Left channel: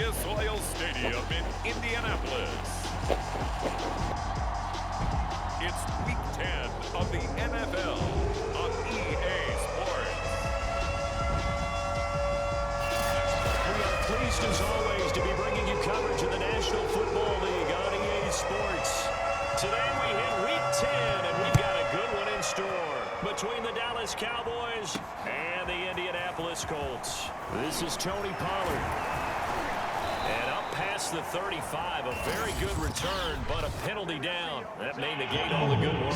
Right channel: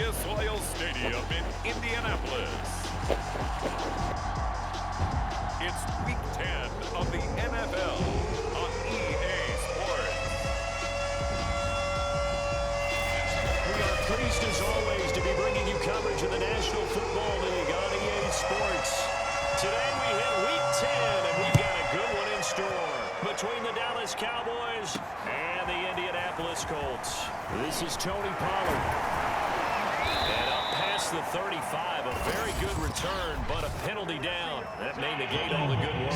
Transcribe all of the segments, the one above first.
Lucas Oil Stadium in Indianapolis. It's Week 10 of the NFL on EA Sports. We are pleased as always to be bringing you coverage of the National Football League on EA Sports. Today we hit Week 10 and we've got a good one in store between the Dallas Cowboys and the Indianapolis Colts. This is Tony Pollard. And up past the 35, a very good return, but a penalty down. That may negate all the good work.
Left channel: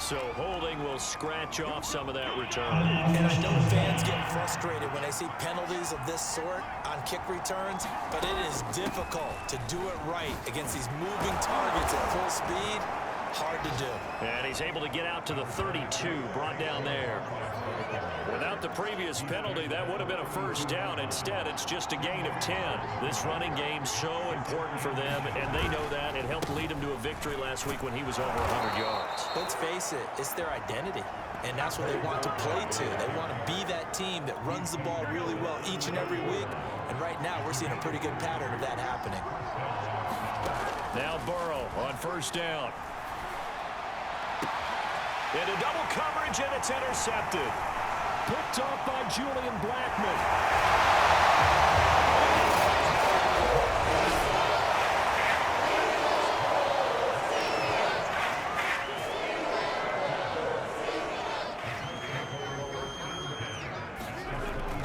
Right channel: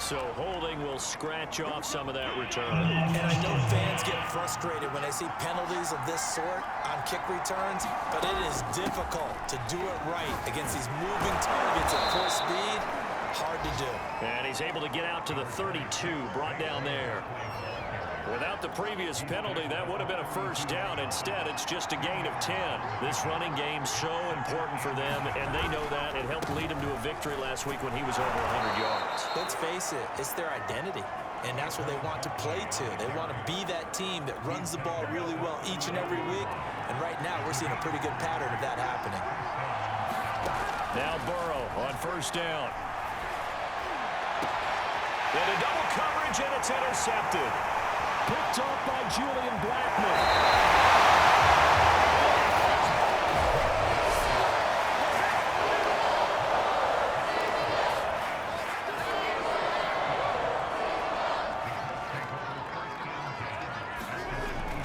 So holding will scratch off some of that return. And I know fans get frustrated when they see penalties of this sort on kick returns, but it is difficult to do it right against these moving targets at full speed. Hard to do. And he's able to get out to the 32, brought down there. Without the previous penalty, that would have been a first down. Instead, it's just a gain of 10. This running game's so important for them, and they know that. It helped lead them to a victory last week when he was over 100 yards. Let's face it, it's their identity, and that's what they want to play to. They want to be that team that runs the ball really well each and every week, and right now we're seeing a pretty good pattern of that happening. Now Burrow on first down. Into double coverage, and it's intercepted. Picked off by Julian Blackmon.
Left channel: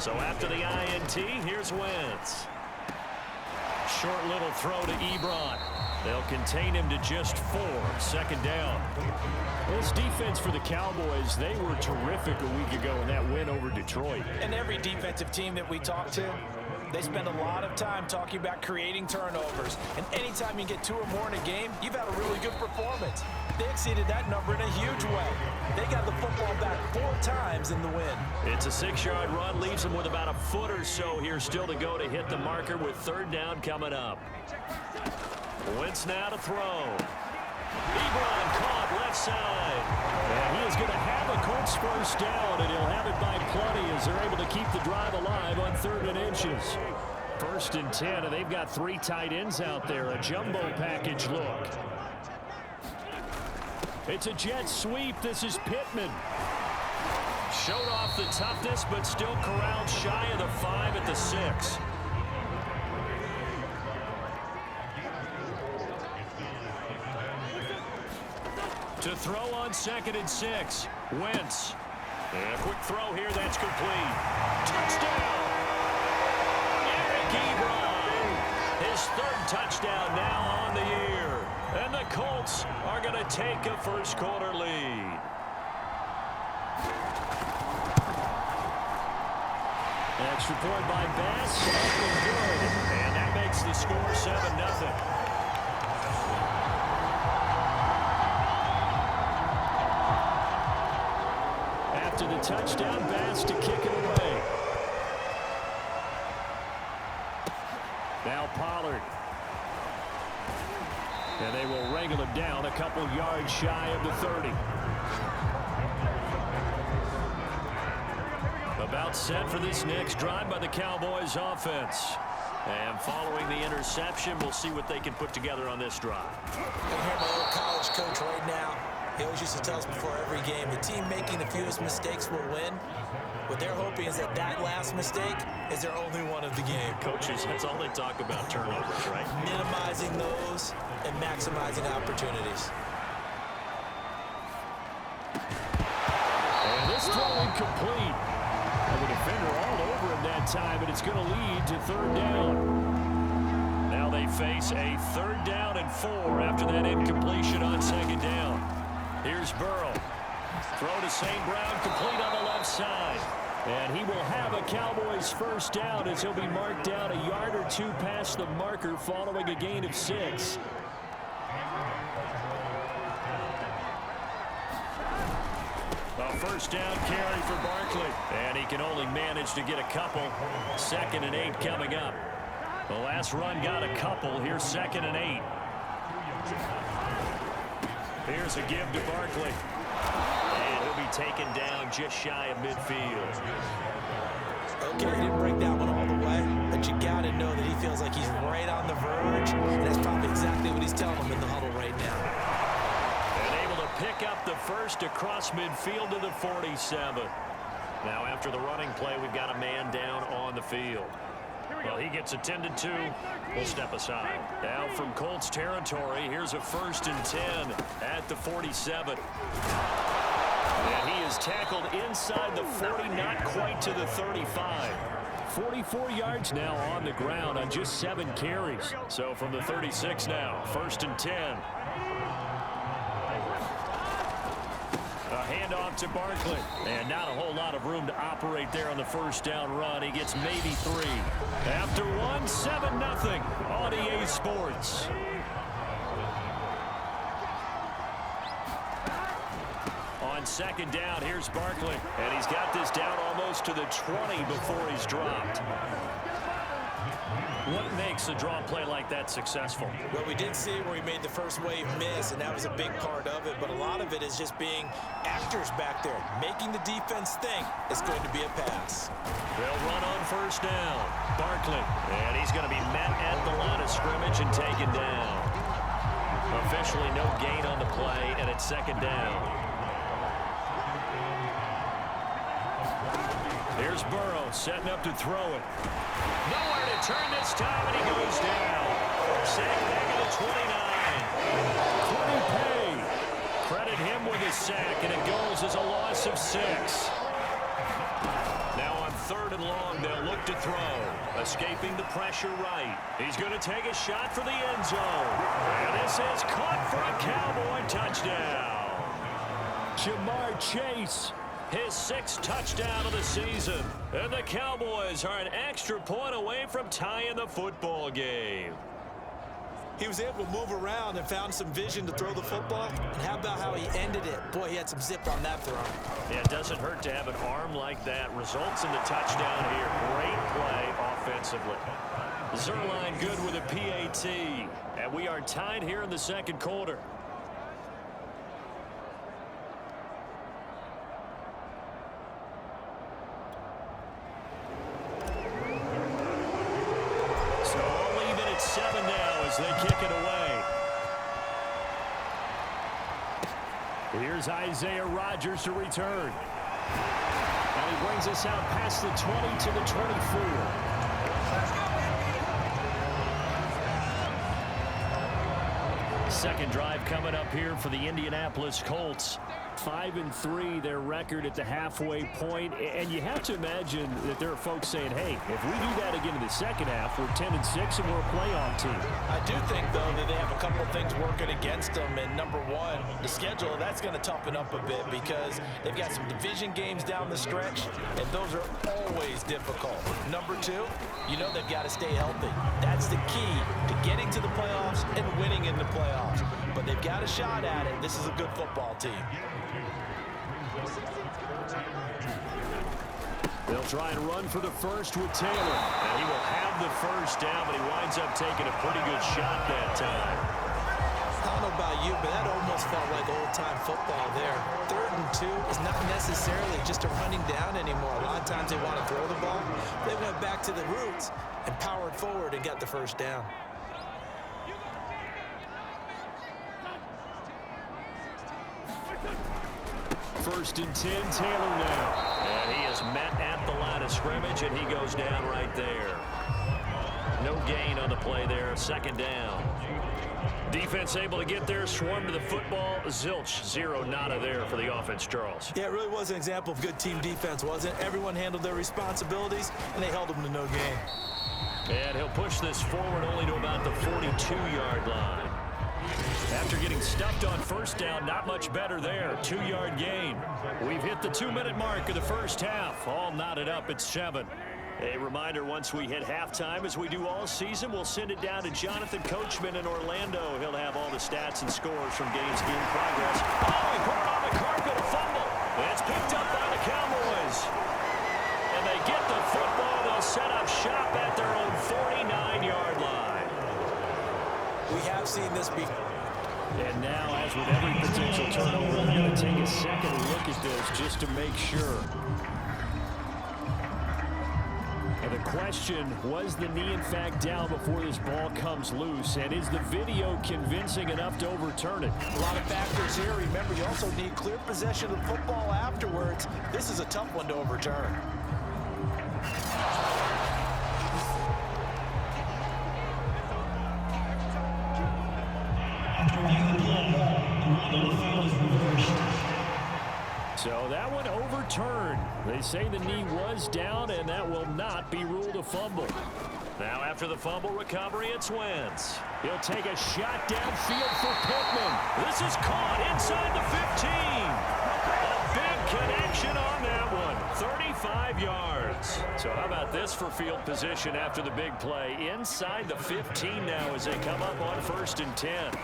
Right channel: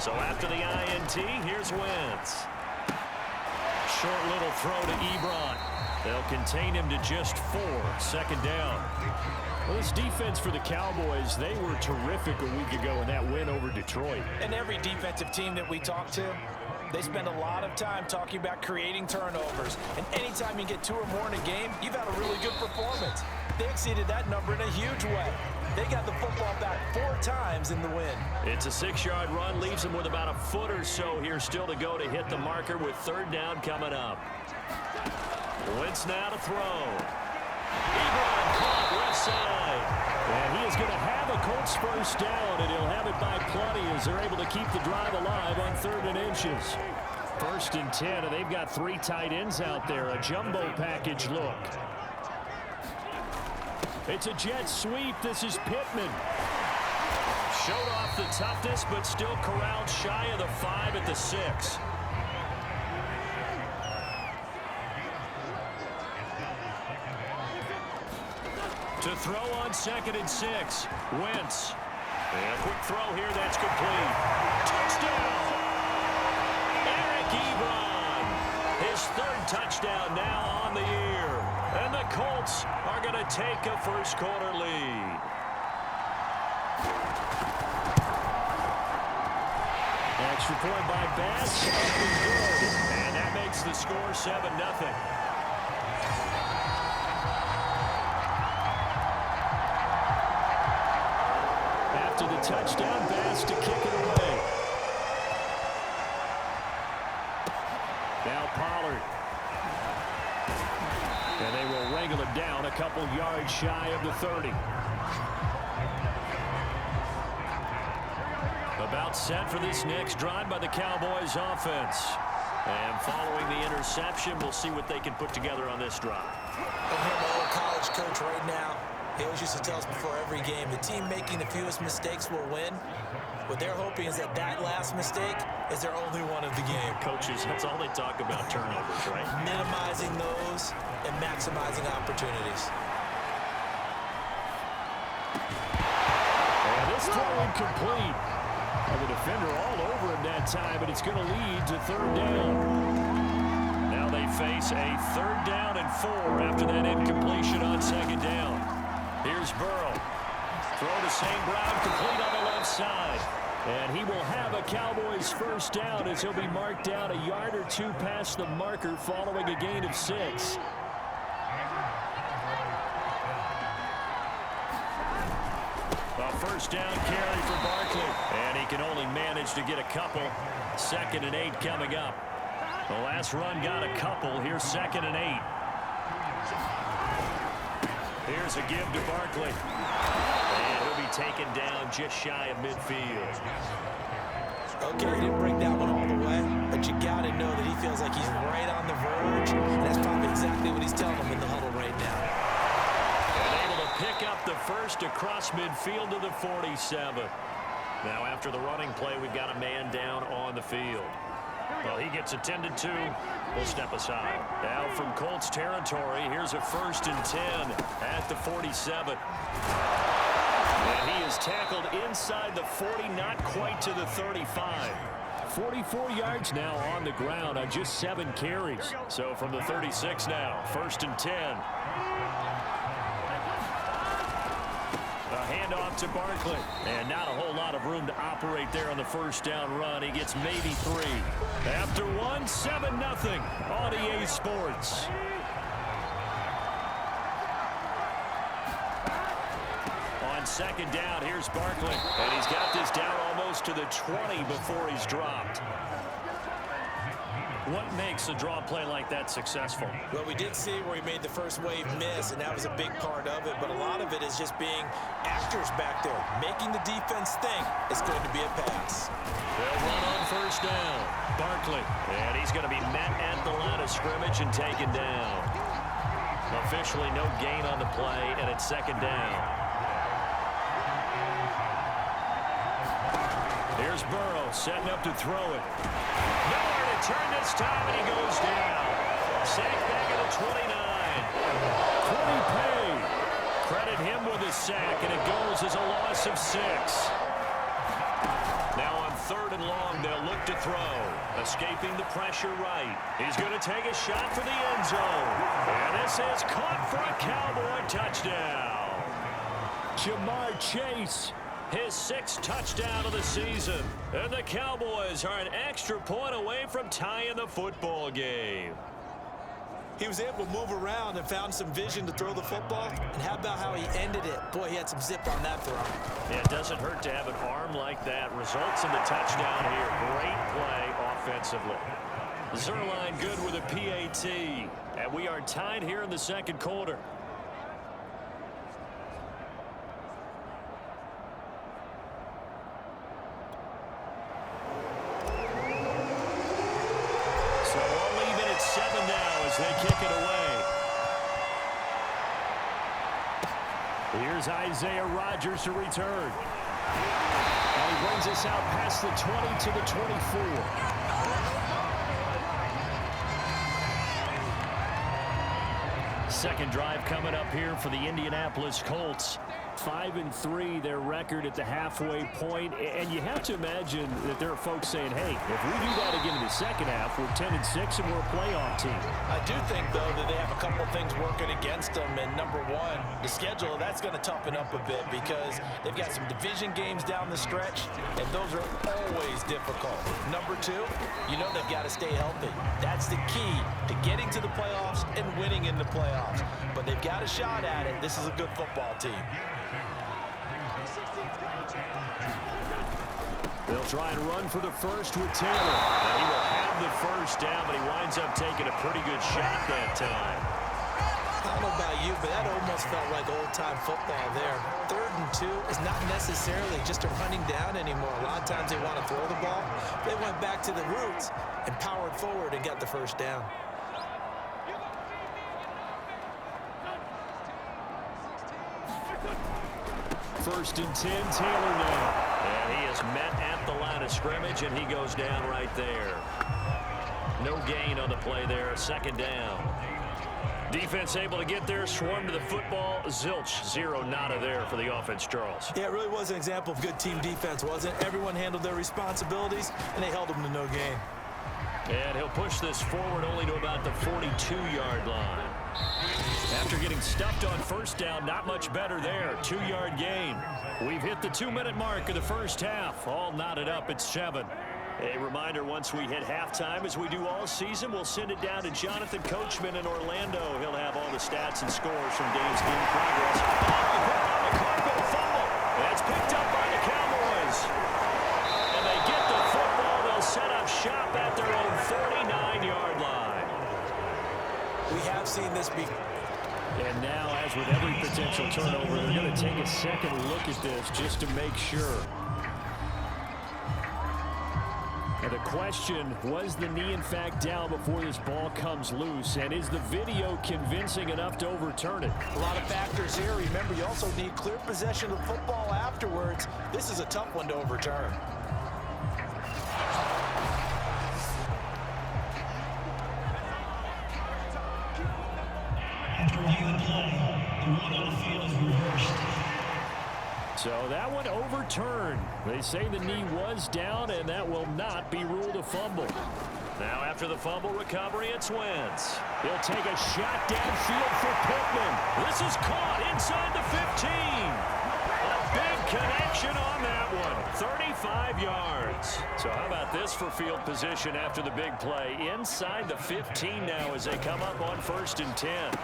So after the INT, here's Wentz. Short little throw to Ebron. They'll contain him to just 4. Second down. Well, this defense for the Cowboys, they were terrific a week ago in that win over Detroit. And every defensive team that we talk to, they spend a lot of time talking about creating turnovers. And anytime you get 2 or more in a game, you've had a really good performance. They exceeded that number in a huge way. They got the football back 4 times in the win. It's a 6-yard run, leaves them with about a foot or so here still to go to hit the marker with third down coming up. Wentz now to throw. Ebron caught left side. And he is going to have a Colts first down, and he'll have it by plenty as they're able to keep the drive alive on 3rd and inches. 1st and 10, and they've got 3 tight ends out there. A jumbo package look. It's a jet sweep. This is Pittman. Showed off the toughness, but still corralled shy of the 5 at the 6. To throw on 2nd and 6. Wentz. And a quick throw here. That's complete. Touchdown. Eric Ebron. His 3rd touchdown now on the year. And the Colts are going to take a first-quarter lead. Extra point by Bass. Up and good. And that makes the score 7-0. After the touchdown, Bass to kick it away. Now Pollard. And they will wrangle him down a couple yards shy of the 30. About set for this next drive by the Cowboys offense. And following the interception, we'll see what they can put together on this drive. I'm here, my old college coach right now. He always used to tell us before every game, the team making the fewest mistakes will win. What they're hoping is that that last mistake is their only one of the game. Coaches, that's all they talk about, turnovers, right? Minimizing those and maximizing opportunities. And this throw incomplete. Well, the defender all over him that time, but it's going to lead to 3rd down. Now they face a 3rd down and 4 after that incompletion on 2nd down. Here's Burrow. Throw to St. Brown, complete on the left side. And he will have a Cowboys first down as he'll be marked down a yard or 2 past the marker following a gain of 6. A first down carry for Barkley. And he can only manage to get a couple. 2nd and 8 coming up. The last run got a couple. Here's 2nd and 8. Here's a give to Barkley. And he'll be taken down just shy of midfield. Okay, he didn't break that one all the way, but you got to know that he feels like he's right on the verge, and that's probably exactly what he's telling him in the huddle right now. And able to pick up the first across midfield to the 47. Now after the running play, we've got a man down on the field. Well, he gets attended to. We'll step aside. Now from Colts territory, here's a 1st and 10 at the 47. And he is tackled inside the 40, not quite to the 35. 44 yards now on the ground on just 7 carries. So from the 36 now, 1st and 10. A handoff to Barkley. And not a whole lot of room to operate there on the 1st down run. He gets maybe 3. After 1, 7-0 on EA Sports. On 2nd down, here's Barkley. And he's got this down almost to the 20 before he's dropped. What makes a draw play like that successful? Well, we did see where he made the first wave miss, and that was a big part of it. But a lot of it is just being actors back there, making the defense think it's going to be a pass. They'll run on 1st down. Barkley. And he's going to be met at the line of scrimmage and taken down. Officially no gain on the play, and it's 2nd down. Here's Burrow setting up to throw it. Nowhere to turn this time, and he goes down. Sack back at the 29. Quiddy Pay. Credit him with his sack, and it goes as a loss of 6. Now on 3rd and long, they'll look to throw. Escaping the pressure right. He's going to take a shot for the end zone. And this is caught for a Cowboy touchdown. Jamar Chase. His 6th touchdown of the season. And the Cowboys are an extra point away from tying the football game. He was able to move around and found some vision to throw the football. And how about how he ended it? Boy, he had some zip on that throw. Yeah, it doesn't hurt to have an arm like that. Results in the touchdown here. Great play offensively. Zerline good with a PAT. And we are tied here in the 2nd quarter. So all even at 7 now as they kick it away. Here's Isaiah Rodgers to return. And he brings us out past the 20 to the 24. Second drive coming up here for the Indianapolis Colts. 5-3 their record at the halfway point, and you have to imagine that there are folks saying, hey, if we do that again in the 2nd half, we're 10-6 and we're a playoff team. I do think, though, that they have a couple of things working against them, and number one, the schedule, that's going to toughen up a bit because they've got some division games down the stretch, and those are always difficult. Number two, you know they've got to stay healthy. That's the key to getting to the playoffs and winning in the playoffs. But they've got a shot at it. This is a good football team. They'll try and run for the first with Taylor. And he will have the 1st down, but he winds up taking a pretty good shot that time. I don't know about you, but that almost felt like old-time football there. 3rd and 2 is not necessarily just a running down anymore. A lot of times they want to throw the ball. They went back to the roots and powered forward and got the 1st down. First and 10, Taylor now. And he is met at the line of scrimmage, and he goes down right there. No gain on the play there, 2nd down. Defense able to get there, swarm to the football. Zilch, 0 nada there for the offense, Charles. Yeah, it really was an example of good team defense, wasn't it? Everyone handled their responsibilities, and they held them to no gain. And he'll push this forward only to about the 42-yard line. After getting stuffed on 1st down, not much better there. 2-yard gain. We've hit the 2-minute mark of the 1st half. All knotted up at 7. A reminder, once we hit halftime, as we do all season, we'll send it down to Jonathan Coachman in Orlando. He'll have all the stats and scores from games in progress. Oh, he put it on the carpet, a fumble. That's picked up by the Cowboys. And they get the football. They'll set up shop at their own 49-yard line. We have seen this before. And now, as with every potential turnover, they're going to take a second look at this just to make sure. And the question, was the knee in fact down before this ball comes loose? And is the video convincing enough to overturn it? A lot of factors here. Remember, you also need clear possession of the football afterwards. This is a tough one to overturn. After reviewing the play, the ruling on the field is reversed. So that one overturned. They say the knee was down, and that will not be ruled a fumble. Now after the fumble recovery, it's Wentz. He'll take a shot downfield for Pittman. This is caught inside the 15. A big connection on that one. 35 yards. So how about this for field position after the big play? Inside the 15 now as they come up on 1st and 10.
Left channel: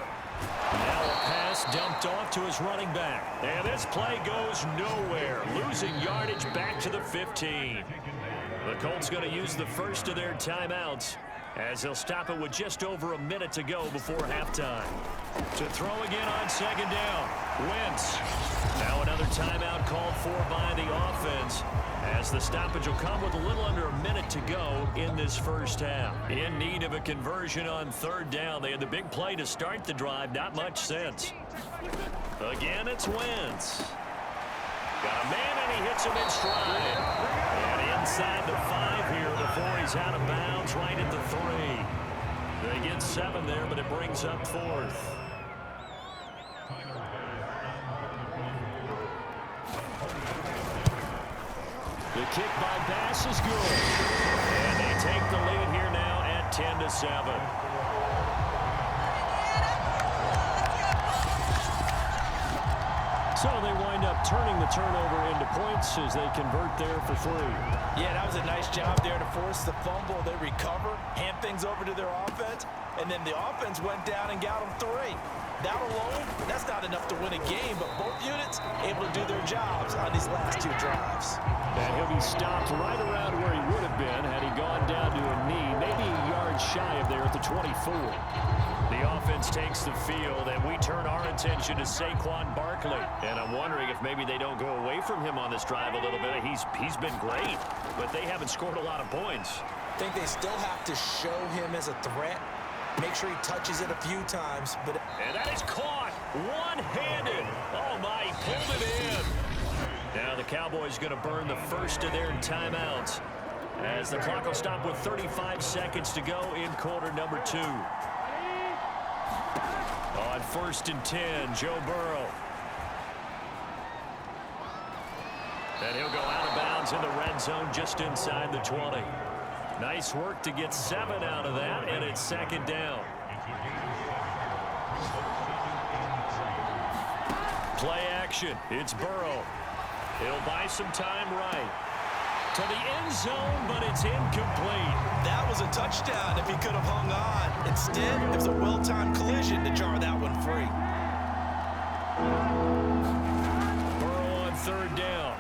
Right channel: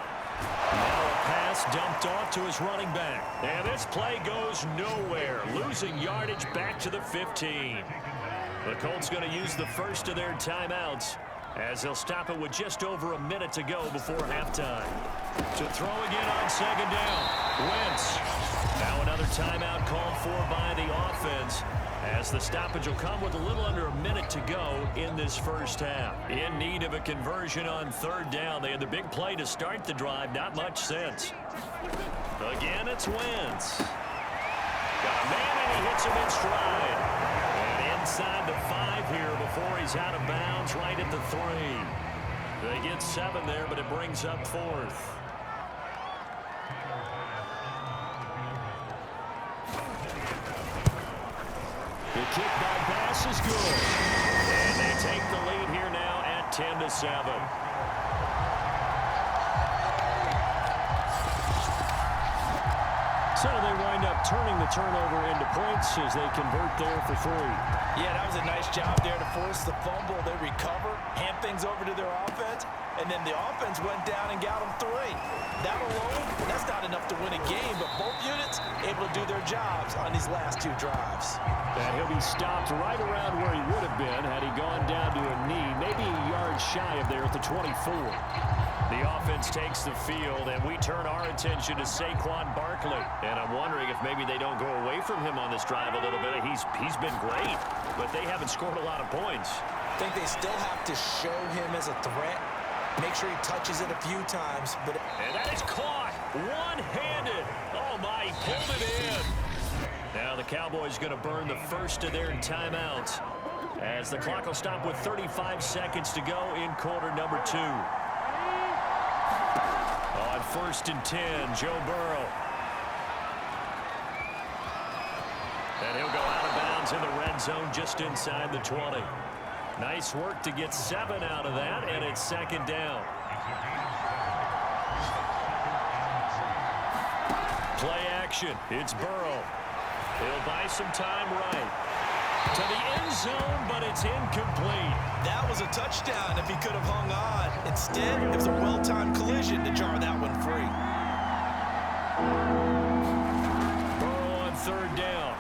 Now a pass dumped off to his running back. And this play goes nowhere. Losing yardage back to the 15. The Colts going to use the first of their timeouts as they'll stop it with just over a minute to go before halftime. To throw again on 2nd down. Wentz. Now another timeout called for by the offense as the stoppage will come with a little under a minute to go in this first half. In need of a conversion on 3rd down. They had the big play to start the drive. Not much sense. Again, it's Wentz. Got a man, and he hits him in stride. And inside the 5 here before he's out of bounds right at the 3. They get 7 there, but it brings up 4th. The kick by Bass is good. And they take the lead here now at 10-7. So they wind up turning the turnover into points as they convert there for 3. Yeah, that was a nice job there to force the fumble. They recover, hand things over to their offense, and then the offense went down and got them 3. That alone, that's not enough to win a game, but both units able to do their jobs on these last 2 drives. And he'll be stopped right around where he would have been had he gone down to a knee, maybe a yard shy of there at the 24. The offense takes the field, and we turn our attention to Saquon Barkley. And I'm wondering if maybe they don't go away from him on this drive a little bit. He's been great, but they haven't scored a lot of points. I think they still have to show him as a threat. Make sure he touches it a few times. And that is caught one-handed. Oh, my, he pulled it in. Now the Cowboys going to burn the first of their timeouts as the clock will stop with 35 seconds to go in quarter number 2. On 1st and 10, Joe Burrow. And he'll go out of bounds in the red zone just inside the 20. Nice work to get 7 out of that, and it's 2nd down. Play action. It's Burrow. He'll buy some time right. To the end zone, but it's incomplete. That was a touchdown if he could have hung on. Instead, it was a well-timed collision to jar that one free. Burrow on 3rd down.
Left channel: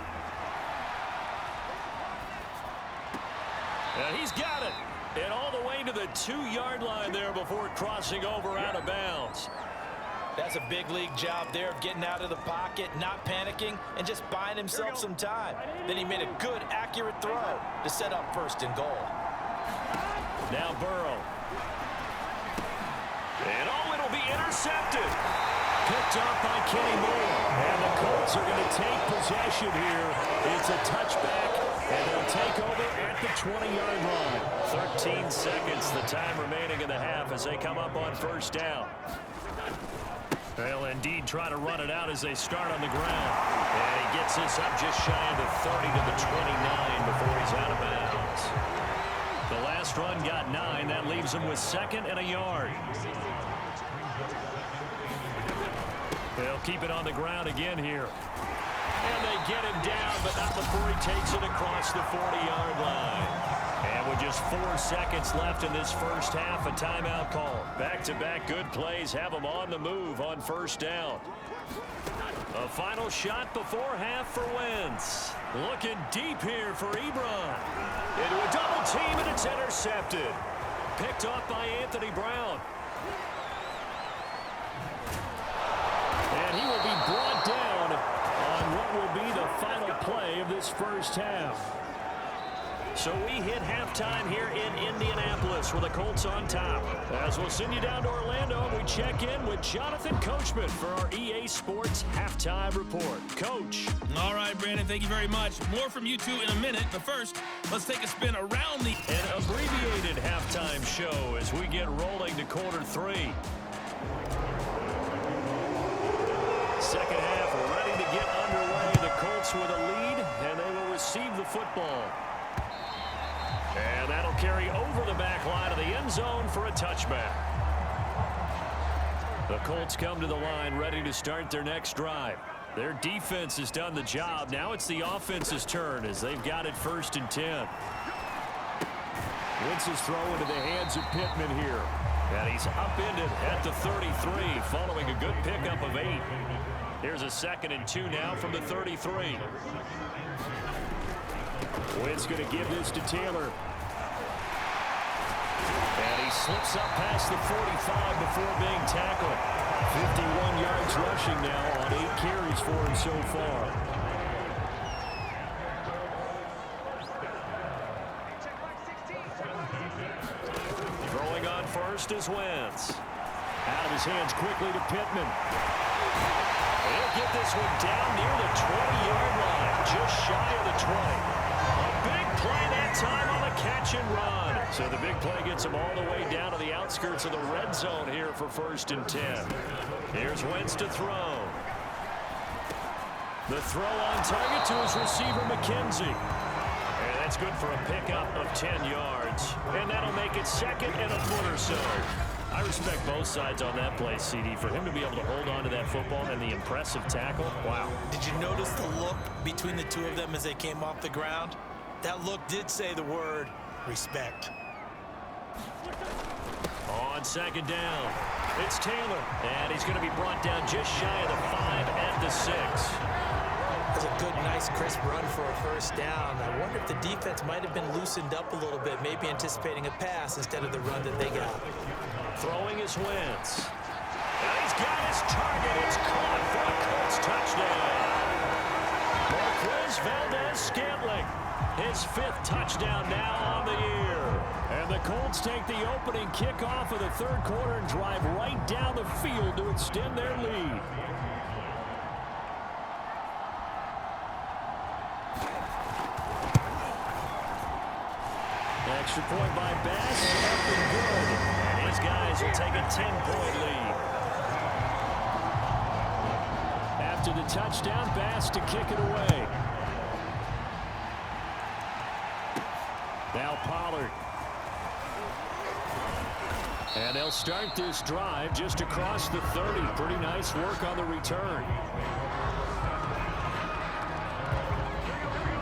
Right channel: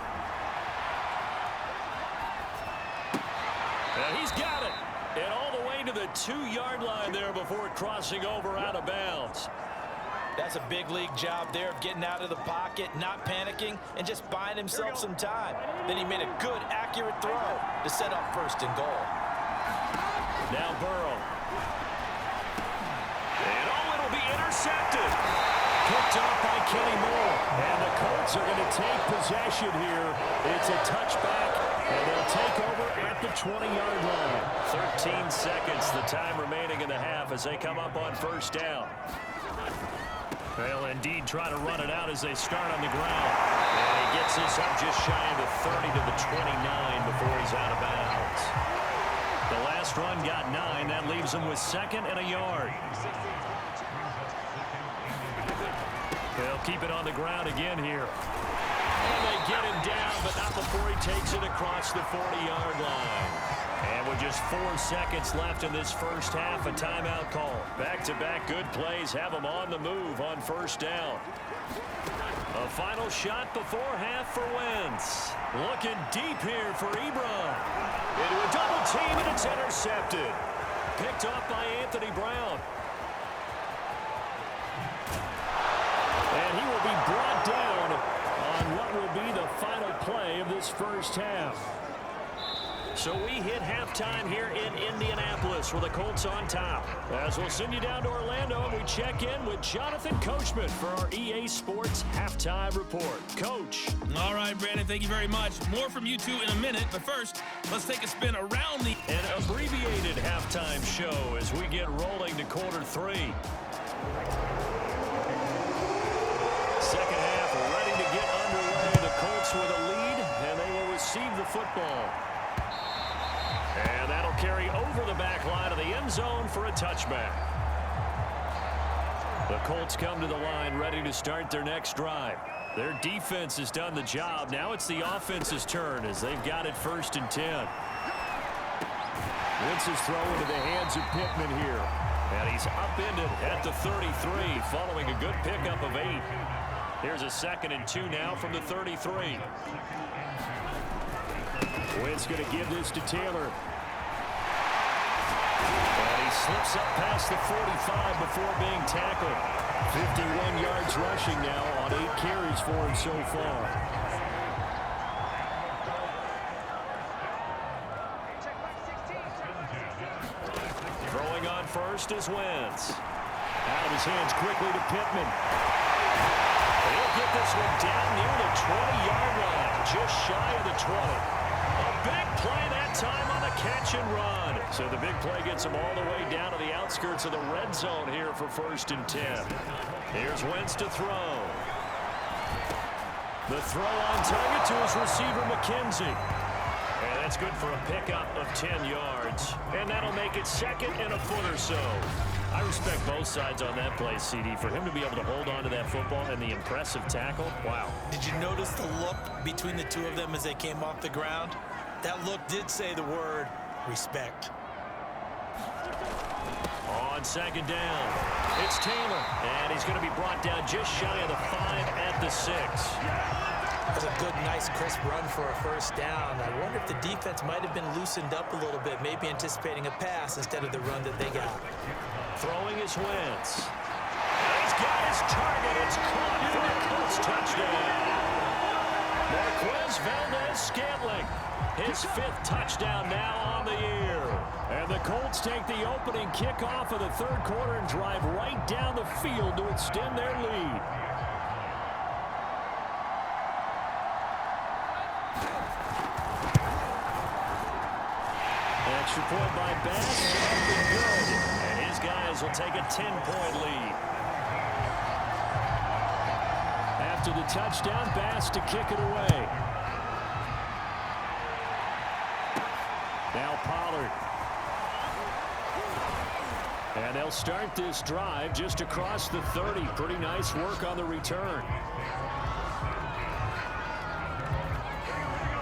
And he's got it. And all the way to the 2-yard line there before crossing over out of bounds. That's a big league job there of getting out of the pocket, not panicking, and just buying himself some time. Then he made a good, accurate throw to set up 1st and goal. Now Burrow. And oh, it'll be intercepted. Picked off by Kenny Moore. And the Colts are going to take possession here. It's a touchback, and they'll take over at the 20-yard line. 13 seconds, the time remaining in the half as they come up on 1st down. They'll indeed try to run it out as they start on the ground. And he gets this up just shy of the 30 to the 29 before he's out of bounds. The last run got 9. That leaves him with 2nd and a yard. They'll keep it on the ground again here. And they get him down, but not before he takes it across the 40-yard line. And with just 4 seconds left in this first half, a timeout call. Back-to-back good plays have them on the move on 1st down. A final shot before half for Wentz. Looking deep here for Ebron. Into a double team, and it's intercepted. Picked off by Anthony Brown. And he will be brought down on what will be the final play of this first half. So we hit halftime here in Indianapolis with the Colts on top. As we'll send you down to Orlando, we check in with Jonathan Coachman for our EA Sports Halftime Report. Coach. All right, Brandon, thank you very much. More from you two in a minute, but first, let's take a spin around the... An abbreviated halftime show as we get rolling to quarter 3. Second half ready to get underway. The Colts with a lead, and they will receive the football. And that'll carry over the back line of the end zone for a touchback. The Colts come to the line ready to start their next drive. Their defense has done the job. Now it's the offense's turn as they've got it 1st and 10. Wentz's throw into the hands of Pittman here. And he's upended at the 33 following a good pickup of 8. Here's a 2nd and 2 now from the 33. Wentz going to give this to Taylor. And he slips up past the 45 before being tackled. 51 yards rushing now on 8 carries for him so far. Throwing on first is Wentz. Out of his hands quickly to Pittman. He'll get this one down near the 20-yard line, just shy of the 20. A big play that time on the catch and run. So the big play gets him all the way down to the outskirts of the red zone here for 1st and 10. Here's Wentz to throw. The throw on target to his receiver, McKenzie. And that's good for a pickup of 10 yards. And that'll make it 2nd and a foot or so. I respect both sides on that play, CD. For him to be able to hold on to that football and the impressive tackle, wow. Did you notice the look between the two of them as they came off the ground? That look did say the word respect. On 2nd down, it's Taylor. And he's going to be brought down just shy of the 5 at the 6. That's a good, nice, crisp run for a 1st down. I wonder if the defense might have been loosened up a little bit, maybe anticipating a pass instead of the run that they got. Throwing is Wentz. And he's got his target. It's caught for a Colts touchdown. Marquez Valdez-Scantling, his 5th touchdown now on the year. And the Colts take the opening kickoff of the 3rd quarter and drive right down the field to extend their lead. Extra point by Bass, up and good. And his guys will take a 10-point lead. After the touchdown, Bass to kick it away. Now Pollard. And they'll start this drive just across the 30. Pretty nice work on the return.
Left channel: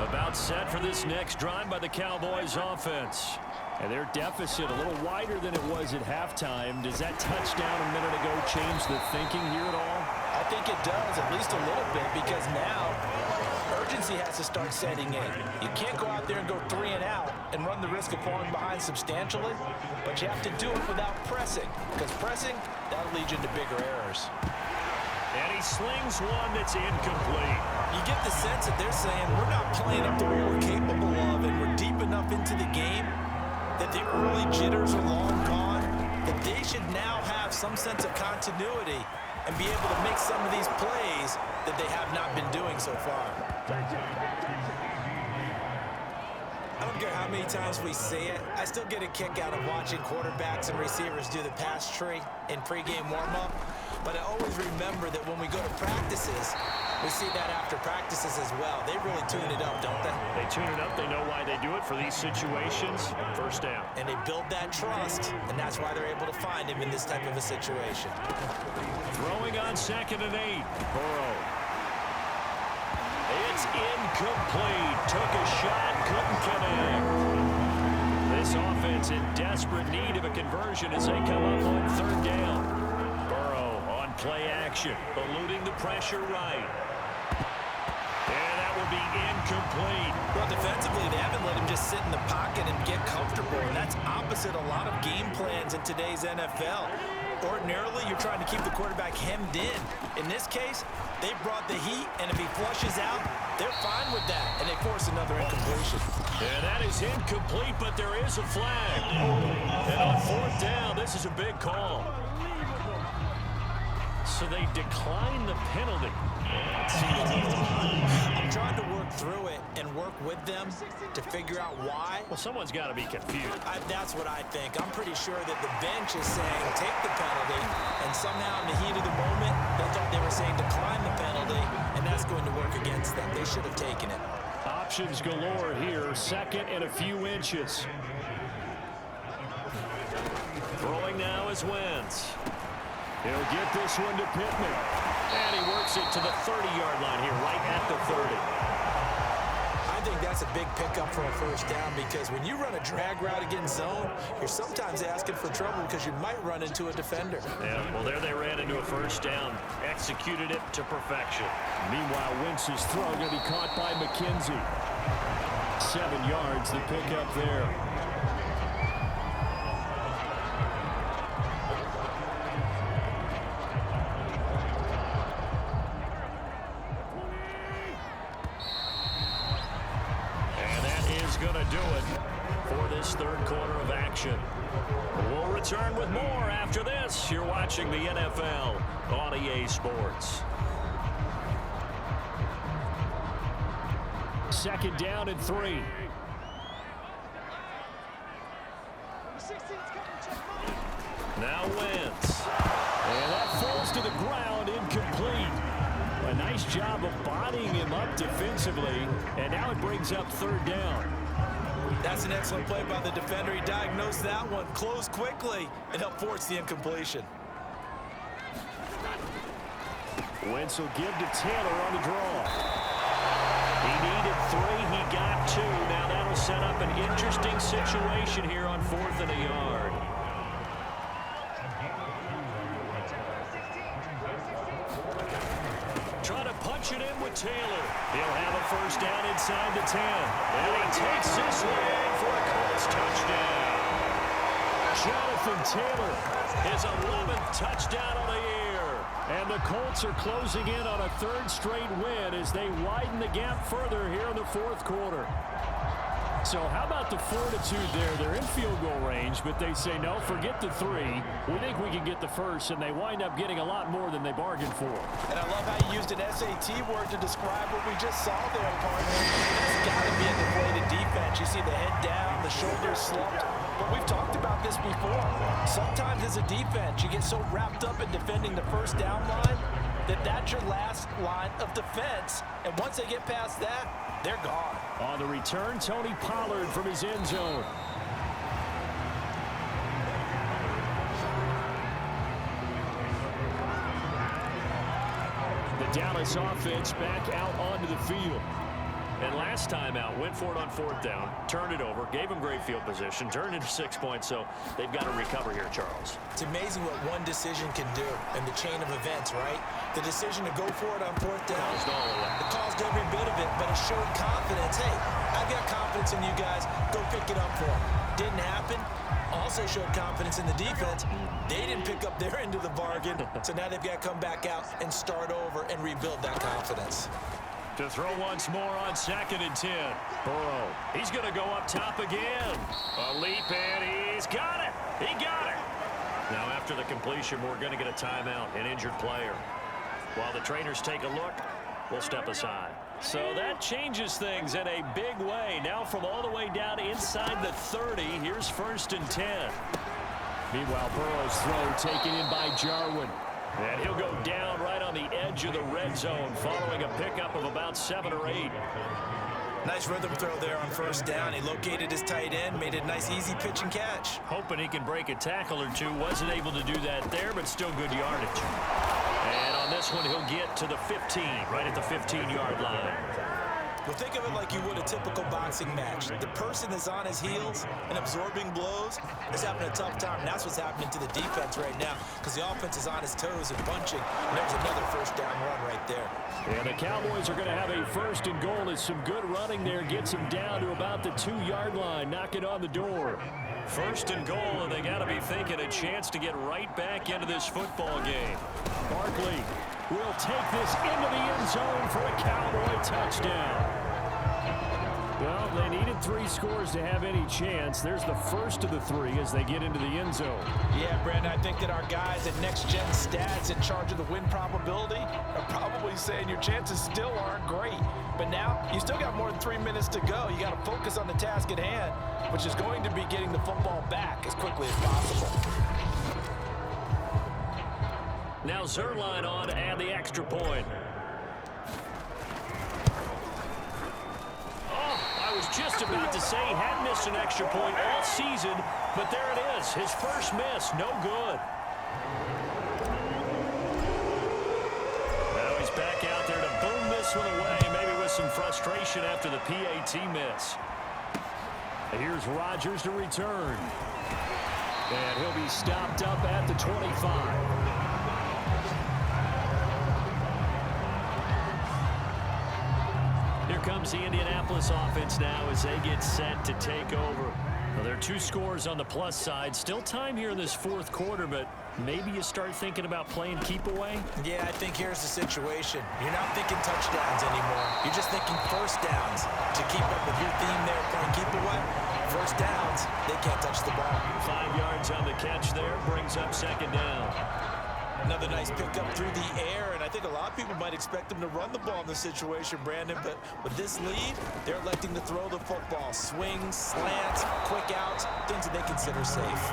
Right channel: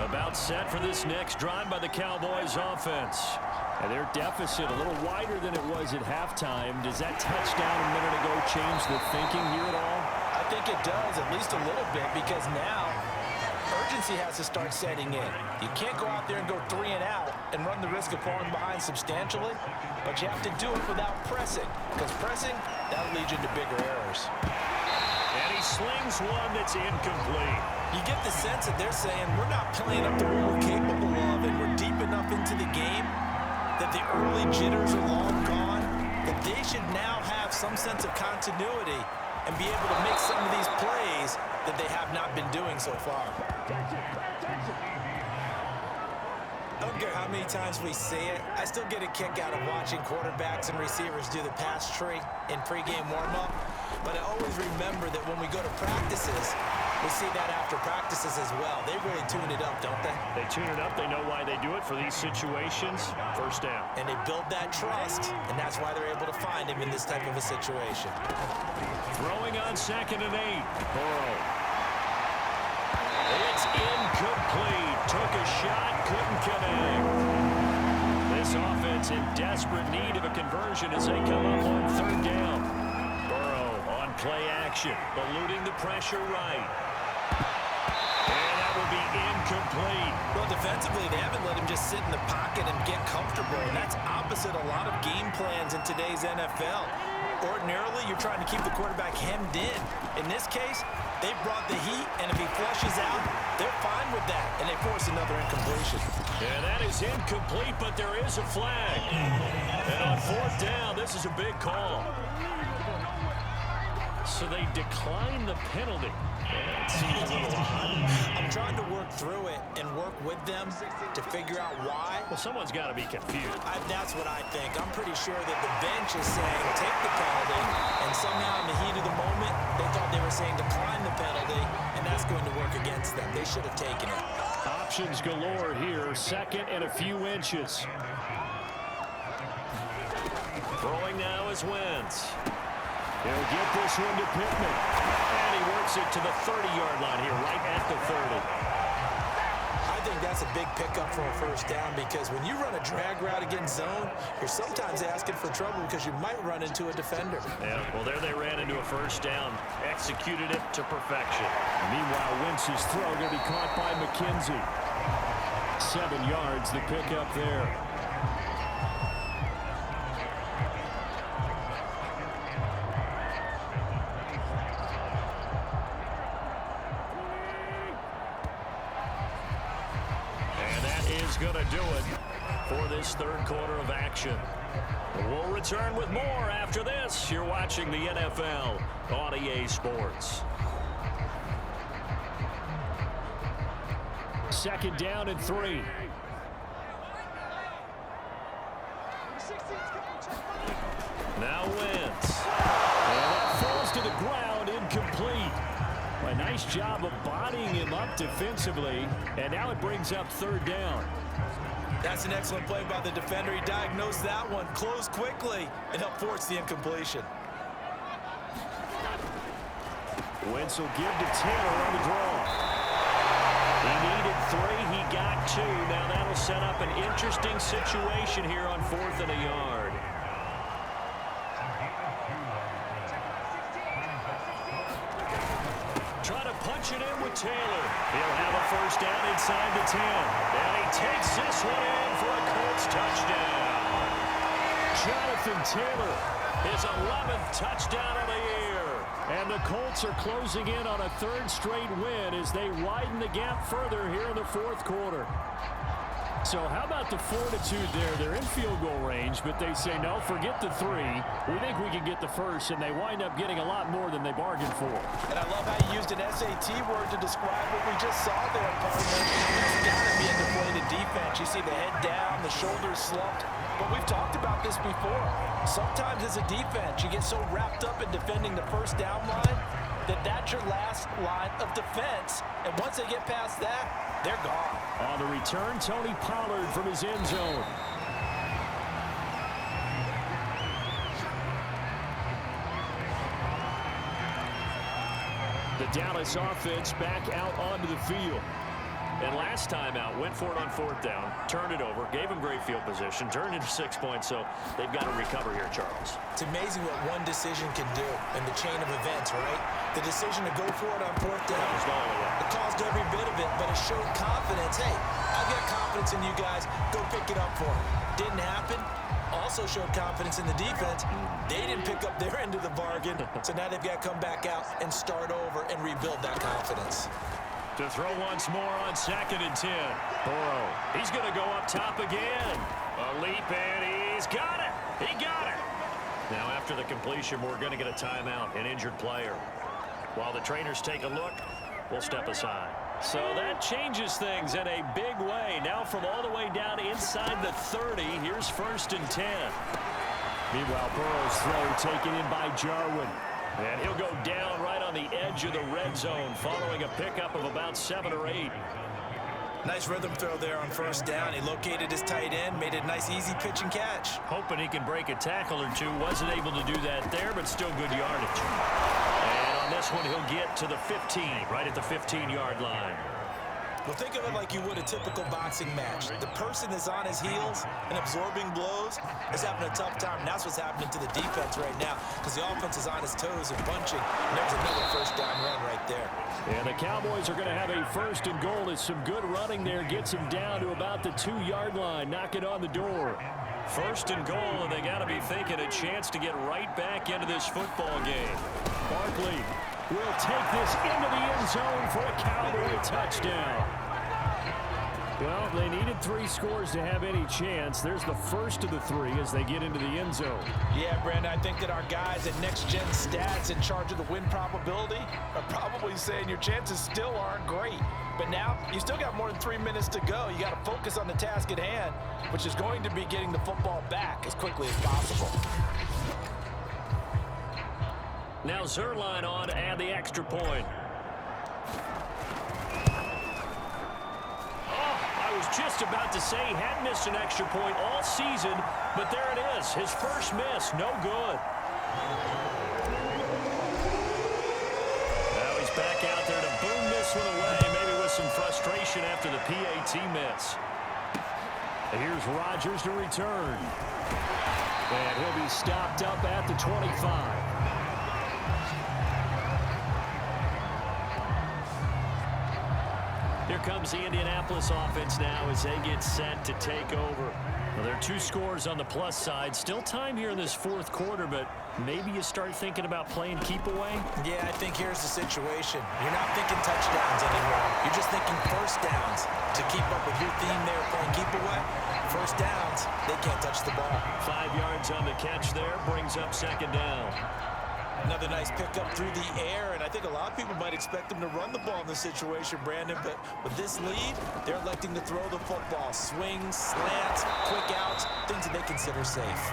About set for this next drive by the Cowboys offense. And their deficit a little wider than it was at halftime. Does that touchdown a minute ago change the thinking here at all? I think it does, at least a little bit, because now urgency has to start setting in. You can't go out there and go 3 and out and run the risk of falling behind substantially, but you have to do it without pressing, because pressing, that'll lead you into bigger errors. And he slings one that's incomplete. You get the sense that they're saying we're not playing up to what we're capable of, and we're deep enough into the game that the early jitters are long gone, that they should now have some sense of continuity and be able to make some of these plays that they have not been doing so far. I don't care how many times we see it, I still get a kick out of watching quarterbacks and receivers do the pass tree in pregame warm-up, but I always remember that when we go to practices, we see that after practices as well. They really tune it up, don't they? They tune it up. They know why they do it for these situations. 1st down. And they build that trust, and that's why they're able to find him in this type of a situation. Throwing on 2nd and 8. Burrow. It's incomplete. Took a shot, couldn't connect. This offense in desperate need of a conversion as they come up on 3rd down. Burrow on play action, eluding the pressure right. And that will be incomplete. Well, defensively, they haven't let him just sit in the pocket and get comfortable, and that's opposite a lot of game plans in today's NFL. Ordinarily, you're trying to keep the quarterback hemmed in. In this case, they brought the heat, and if he flushes out, they're fine with that, and they force another incompletion. And that is incomplete, but there is a flag. And on 4th down, this is a big call. So they decline the penalty. That seems a little odd. I'm trying to work through it and work with them to figure out why. Well, someone's got to be confused. That's what I think. I'm pretty sure that the bench is saying take the penalty, and somehow in the heat of the moment, they thought they were saying decline the penalty, and that's going to work against them. They should have taken it. Options galore here. 2nd and a few inches. Throwing now is Wentz. He'll get this one to Pittman. And he works it to the 30-yard line here, right at the 30. I think that's a big pickup for a first down because when you run a drag route against zone, you're sometimes asking for trouble because you might run into a defender. Yeah, well, there they ran into a first down. Executed it to perfection. Meanwhile, Wentz's throw going to be caught by McKenzie. 7 yards, the pickup there. Going to do it for this 3rd quarter of action. We'll return with more after this. You're watching the NFL on EA Sports. 2nd down and 3. Now Wentz. And that falls to the ground, incomplete. A nice job of bodying him up defensively, and now it brings up 3rd down. That's an excellent play by the defender. He diagnosed that one, closed quickly, and helped force the incompletion. Wentz will give to Taylor on the draw. He needed 3. He got 2. Now that'll set up an interesting situation here on 4th and a yard. Try to punch it in with Taylor. He'll have a first down inside the 10. And he takes this one in for a Colts touchdown. Jonathan Taylor. His 11th touchdown of the year. And the Colts are closing in on a 3rd straight win as they widen the gap further here in the 4th quarter. So how about the fortitude there? They're in field goal range, but they say, no, forget the 3. We think we can get the first, and they wind up getting a lot more than they bargained for. And I love how you used an SAT word to describe what we just saw there, partner. That's got to be a deflated defense. You see the head down, the shoulders slumped. But we've talked about this before. Sometimes as a defense, you get so wrapped up in defending the first down line that that's your last line of defense. And once they get past that, they're gone. On the return, Tony Pollard from his end zone. The Dallas offense back out onto the field. And last time out, went for it on 4th down, turned it over, gave them great field position, turned into 6 points, so they've got to recover here, Charles. It's amazing what one decision can do in the chain of events, right? The decision to go for it on 4th down. Caused all of that. It caused every bit of it, but it showed confidence. Hey, I've got confidence in you guys. Go pick it up for them. Didn't happen. Also showed confidence in the defense. They didn't pick up their end of the bargain, so now they've got to come back out and start over and rebuild that confidence. To throw once more on 2nd and 10. Burrow. He's going to go up top again. A leap, and he's got it. He got it. Now, after the completion, we're going to get a timeout, an injured player. While the trainers take a look, we'll step aside. So that changes things in a big way. Now from all the way down inside the 30, here's 1st and 10. Meanwhile, Burrow's throw taken in by Jarwin. And he'll go down right on the edge of the red zone following a pickup of about 7 or 8. Nice rhythm throw there on 1st down. He located his tight end, made a nice easy pitch and catch. Hoping he can break a tackle or two. Wasn't able to do that there, but still good yardage. And on this one, he'll get to the 15, right at the 15-yard line. Well, think of it like you would a typical boxing match. The person that's on his heels and absorbing blows is having a tough time. And that's what's happening to the defense right now because the offense is on his toes and punching. And there's another 1st down run right there. And the Cowboys are going to have a 1st and goal. As some good running there gets him down to about the 2-yard line. Knock it on the door. First and goal, and they got to be thinking a chance to get right back into this football game. Barkley will take this into the end zone for a Cowboy touchdown. Well, they needed 3 scores to have any chance. There's the first of the 3 as they get into the end zone. Yeah, Brandon, I think that our guys at Next Gen Stats in charge of the win probability are probably saying your chances still aren't great. But now, you still got more than 3 minutes to go. You got to focus on the task at hand, which is going to be getting the football back as quickly as possible. Now Zerline on to add the extra point. I was just about to say he had missed an extra point all season, but there it is. His first miss, no good. Now he's back out there to boom this one away, maybe with some frustration after the PAT miss. Here's Rodgers to return. And he'll be stopped up at the 25. Here comes the Indianapolis offense now as they get set to take over. Well, there are 2 scores on the plus side. Still time here in this 4th quarter, but maybe you start thinking about playing keep away? Yeah, I think here's the situation. You're not thinking touchdowns anymore. You're just thinking first downs. To keep up with your theme there, playing keep away, first downs, they can't touch the ball. 5 yards on the catch there, brings up 2nd down. Another nice pickup through the air, and I think a lot of people might expect them to run the ball in this situation, Brandon, but with this lead, they're electing to throw the football. Swings, slants, quick outs, things that they consider safe.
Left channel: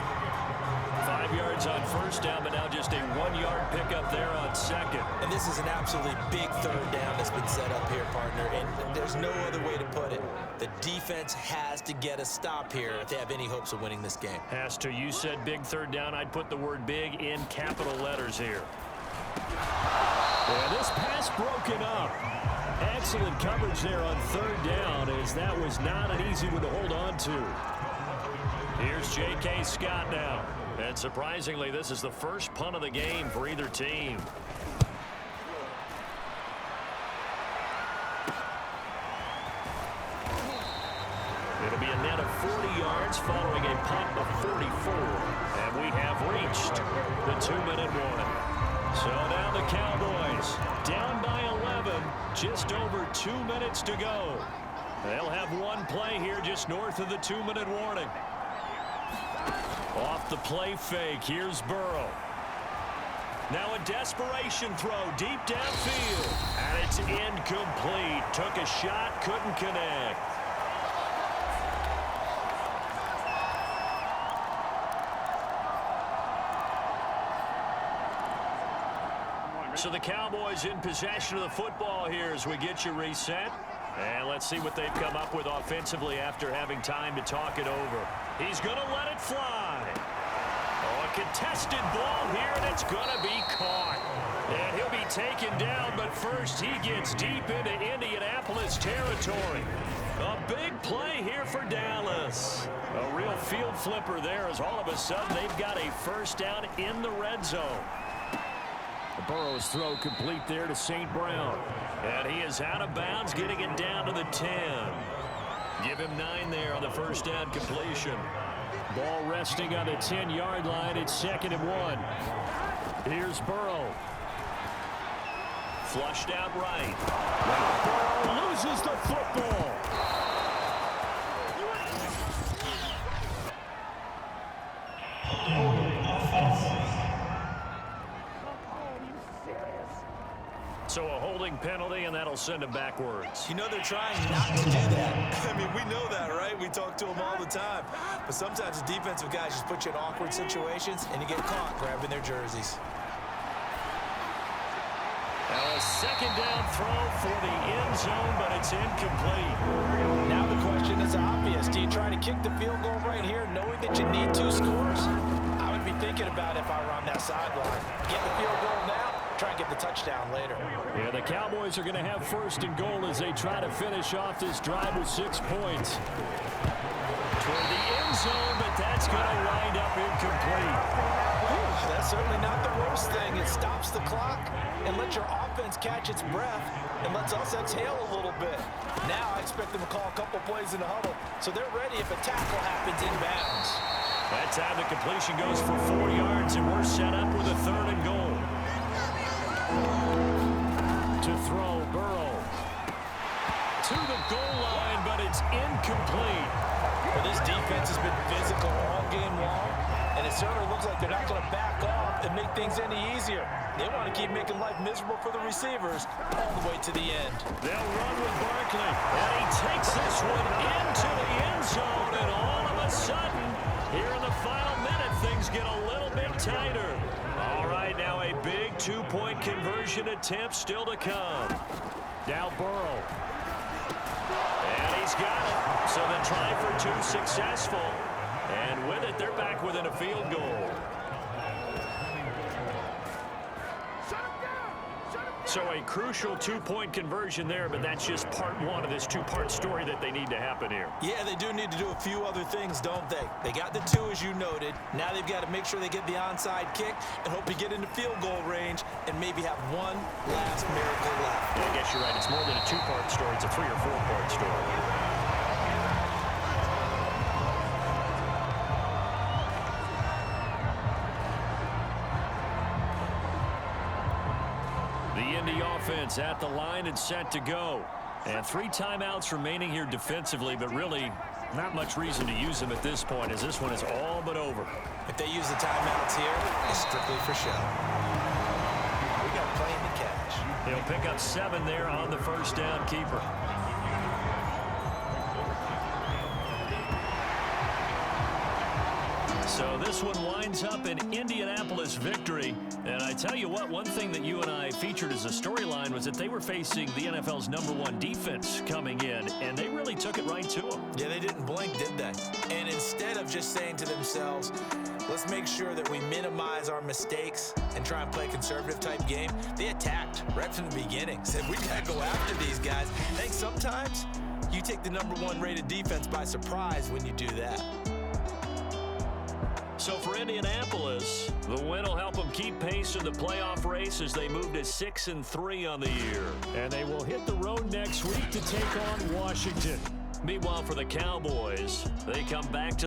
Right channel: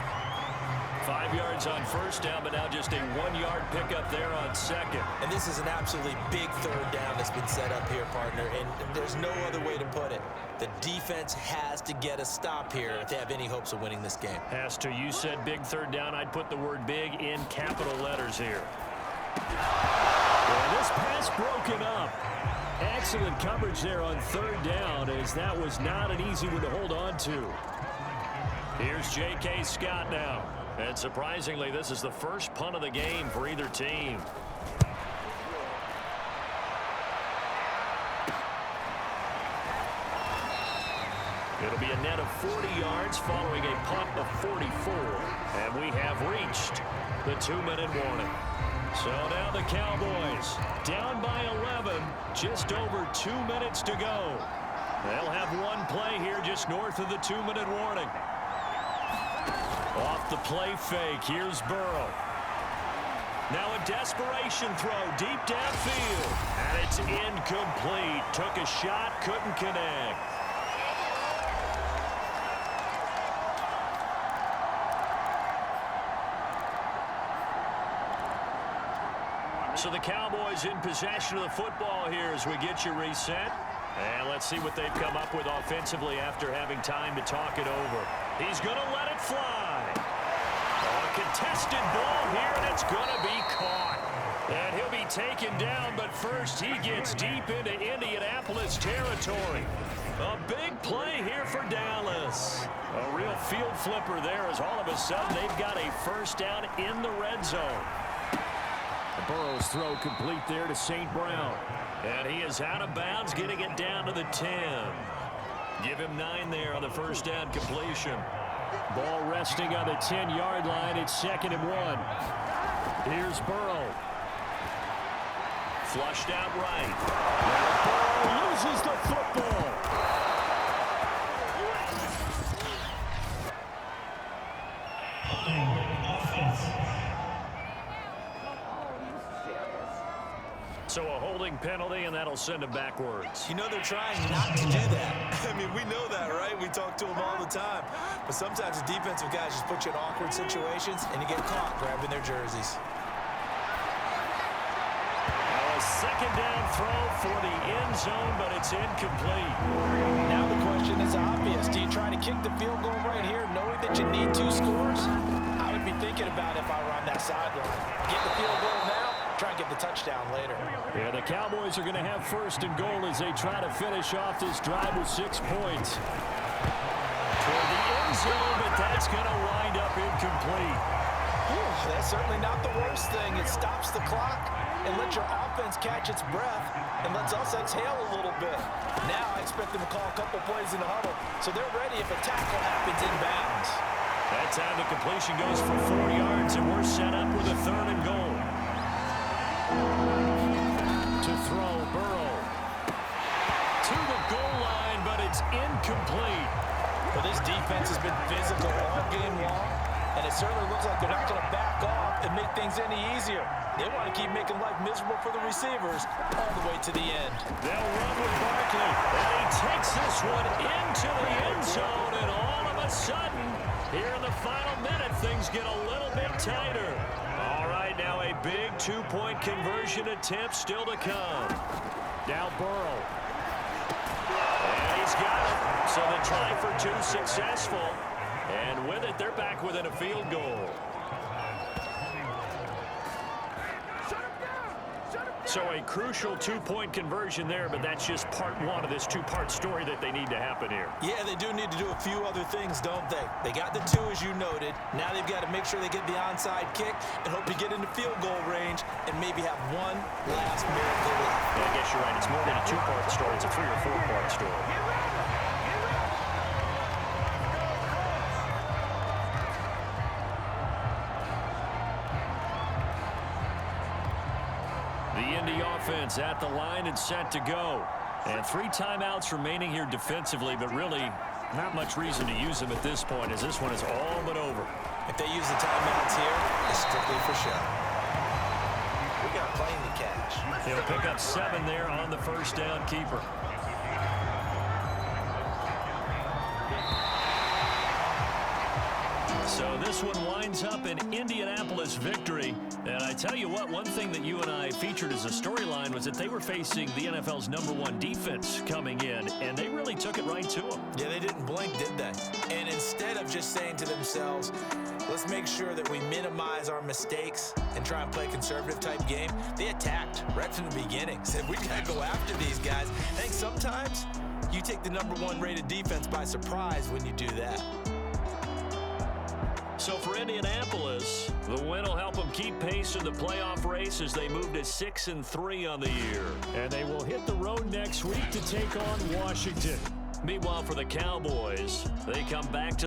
5 yards on first down, but now just a 1-yard pickup there on 2nd. And this is an absolutely big 3rd down that's been set up here, partner, and there's no other way to put it. The defense has to get a stop here if they have any hopes of winning this game. Has to. You said big 3rd down. I'd put the word big in capital letters here. And this pass broken up. Excellent coverage there on 3rd down, as that was not an easy one to hold on to. Here's J.K. Scott now. And surprisingly, this is the first punt of the game for either team. It'll be a net of 40 yards following a punt of 44. And we have reached the 2-minute warning. So now the Cowboys down by 11, just over 2 minutes to go. They'll have one play here just north of the 2-minute warning. Off the play fake, here's Burrow. Now a desperation throw deep downfield. And it's incomplete. Took a shot, couldn't connect. So the Cowboys in possession of the football here as we get you reset. And let's see what they've come up with offensively after having time to talk it over. He's going to let it fly. Oh, a contested ball here, and it's going to be caught. And he'll be taken down, but first he gets deep into Indianapolis territory. A big play here for Dallas. A real field flipper there as all of a sudden they've got a first down in the red zone. Burrow's throw complete there to St. Brown. And he is out of bounds, getting it down to the 10. Give him 9 there on the first down completion. Ball resting on the 10-yard line. It's 2nd and 1. Here's Burrow. Flushed out right. Now Burrow loses the football. Offense. So a holding penalty, and that'll send him backwards. You know they're trying not to do that. I mean, we know that, right? We talk to them all the time. But sometimes the defensive guys just put you in awkward situations, and you get caught grabbing their jerseys. Now a 2nd down throw for the end zone, but it's incomplete. Now the question is obvious. Do you try to kick the field goal right here knowing that you need 2 scores? I would be thinking about it if I were on that sideline. Get the field goal now, try and get the touchdown later. Yeah, the Cowboys are going to have 1st and goal as they try to finish off this drive with 6 points. Toward the end zone, but that's going to wind up incomplete. Whew, that's certainly not the worst thing. It stops the clock, and let your offense catch its breath and lets us exhale a little bit. Now I expect them to call a couple plays in the huddle so they're ready if a tackle happens inbounds. That time the completion goes for 4 yards, and we're set up with a 3rd and goal. To throw, Burrow. To the goal line, but it's incomplete. Well, this defense has been physical all game long, and it certainly looks like they're not going to back off and make things any easier. They want to keep making life miserable for the receivers all the way to the end. They'll run with Barkley, and he takes this one into the end zone, and all of a sudden, here in the final minute, things get a little bit tighter. All right, now a big 2-point conversion attempt still to come. Now Burrow. And he's got it. So the try for 2 successful. And with it, they're back within a field goal. So a crucial 2-point conversion there, but that's just part 1 of this 2-part story that they need to happen here. Yeah, they do need to do a few other things, don't they? They got the 2, as you noted. Now they've got to make sure they get the onside kick and hope to get into field goal range and maybe have one last miracle left. Yeah, I guess you're right. It's more than a 2-part story. It's a 3- or 4-part story. The Indy offense at the line and set to go. And 3 timeouts remaining here defensively, but really not much reason to use them at this point, as this one is all but over. If they use the timeouts here, it's strictly for show. We got a plane to catch. They'll pick up 7 there on the first down keeper. So this one winds up an Indianapolis victory. And I tell you what, one thing that you and I featured as a storyline was that they were facing the NFL's #1 defense coming in, and they really took it right to them. Yeah, they didn't blink, did they? And instead of just saying to themselves, let's make sure that we minimize our mistakes and try and play a conservative type game, they attacked right from the beginning. Said, we got to go after these guys. I think sometimes you take the #1 rated defense by surprise when you do that. So for Indianapolis, the win will help them keep pace in the playoff race as they move to 6-3 on the year. And they will hit the road next week to take on Washington. Meanwhile, for the Cowboys, they come back to